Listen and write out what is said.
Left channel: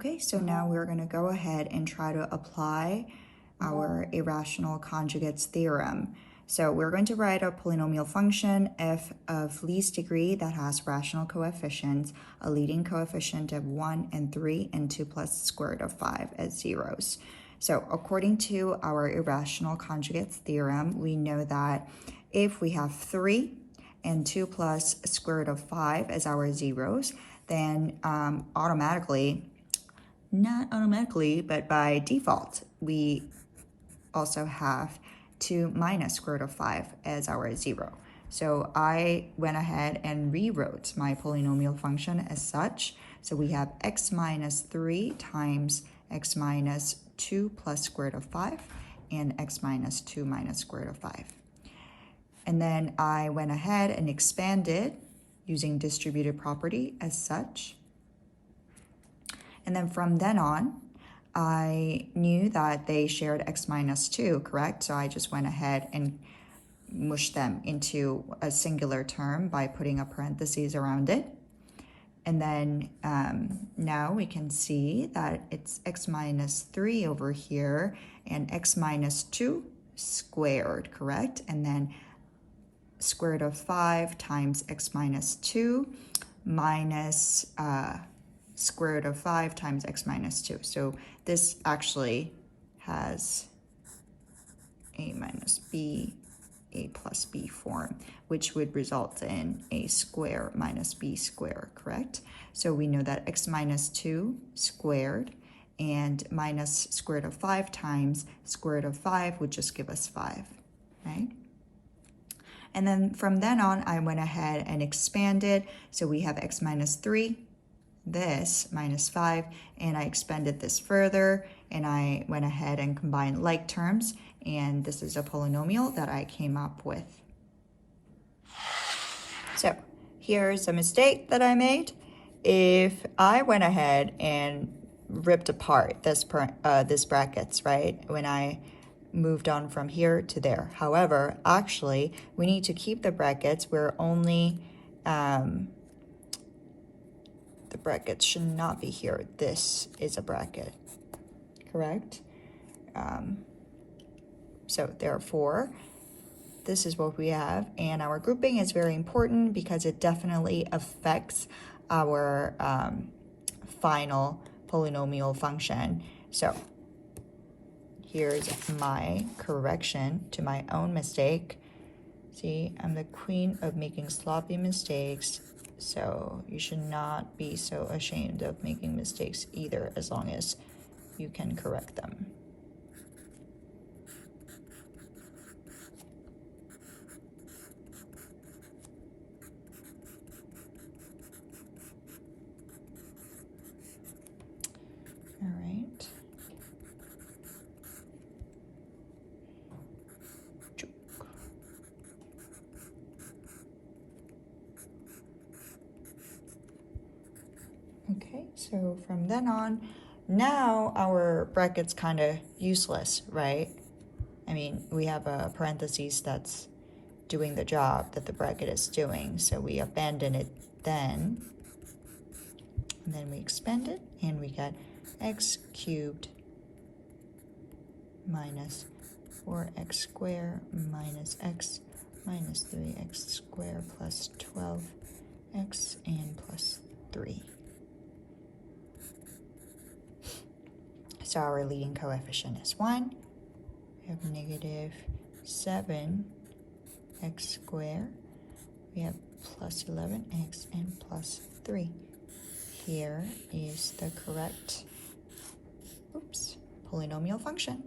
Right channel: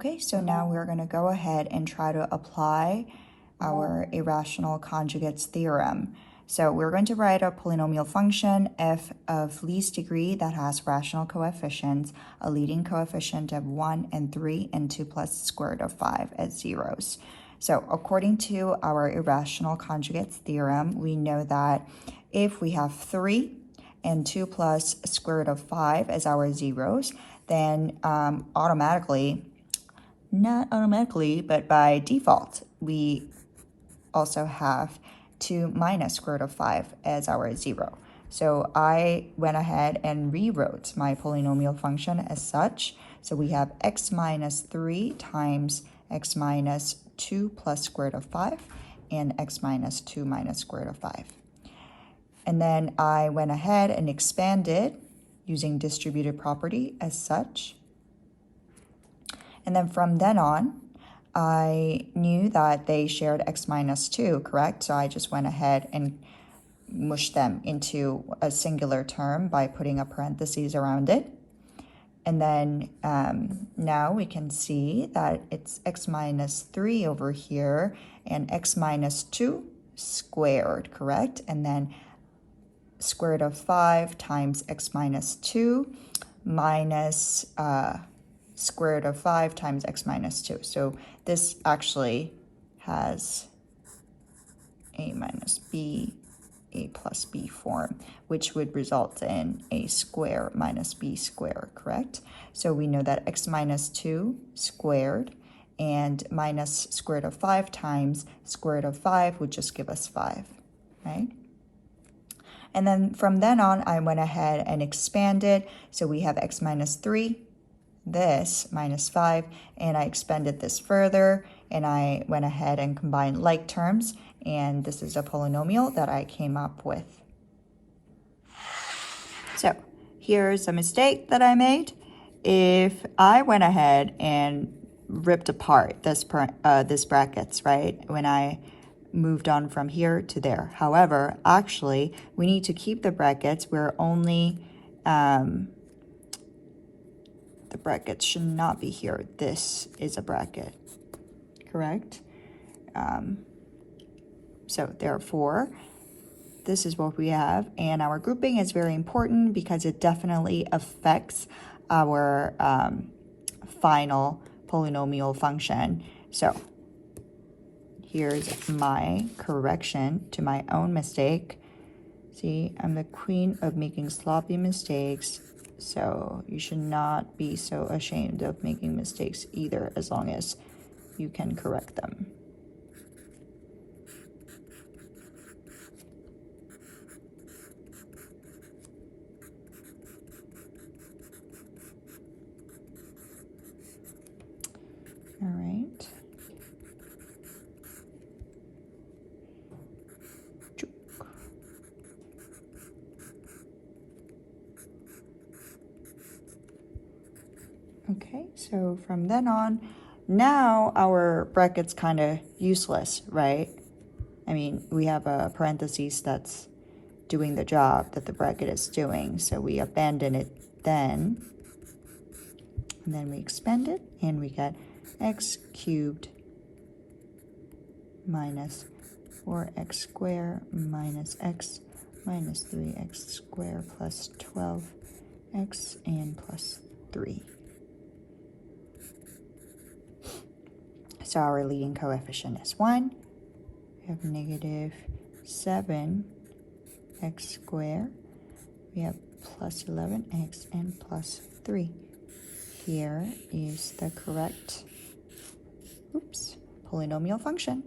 Okay, so now we're going to go ahead and try to apply our irrational conjugates theorem. So we're going to write a polynomial function f of least degree that has rational coefficients, a leading coefficient of 1 and 3, and 2 plus square root of 5 as zeros. So according to our irrational conjugates theorem, we know that if we have 3 and 2 plus square root of 5 as our zeros, then not automatically, but by default, we also have 2 minus square root of 5 as our 0. So I went ahead and rewrote my polynomial function as such. So we have x minus 3 times x minus 2 plus square root of 5 and x minus 2 minus square root of 5. And then I went ahead and expanded using distributive property as such. And then from then on, I knew that they shared x minus 2, correct? So I just went ahead and mushed them into a singular term by putting a parentheses around it. And then now we can see that it's x minus 3 over here and x minus 2 squared, correct? And then square root of 5 times x minus 2 minus square root of 5 times x minus 2. So this actually has a minus b, a plus b form, which would result in a square minus b squared, correct? So we know that x minus 2 squared and minus square root of 5 times square root of 5 would just give us 5, right? And then from then on, I went ahead and expanded. So we have x minus 3, this minus 5, and I expanded this further, and I went ahead and combined like terms, and this is a polynomial that I came up with. So here's a mistake that I made. If I went ahead and ripped apart this brackets, right, when I moved on from here to there. However, actually, we need to keep the brackets. We're only, the brackets should not be here. This is a bracket, correct? So therefore, this is what we have. And our grouping is very important because it definitely affects our final polynomial function. So here's my correction to my own mistake. See, I'm the queen of making sloppy mistakes, so you should not be so ashamed of making mistakes either, as long as you can correct them. All right. Okay, so from then on, now our bracket's kind of useless, right? I mean, we have a parentheses that's doing the job that the bracket is doing, so we abandon it then. And then we expand it, and we get x cubed minus 4x squared minus x minus 3x squared plus 12x and plus 3. So our leading coefficient is 1. We have negative 7x squared. We have plus 11x and plus 3. Here is the correct polynomial function.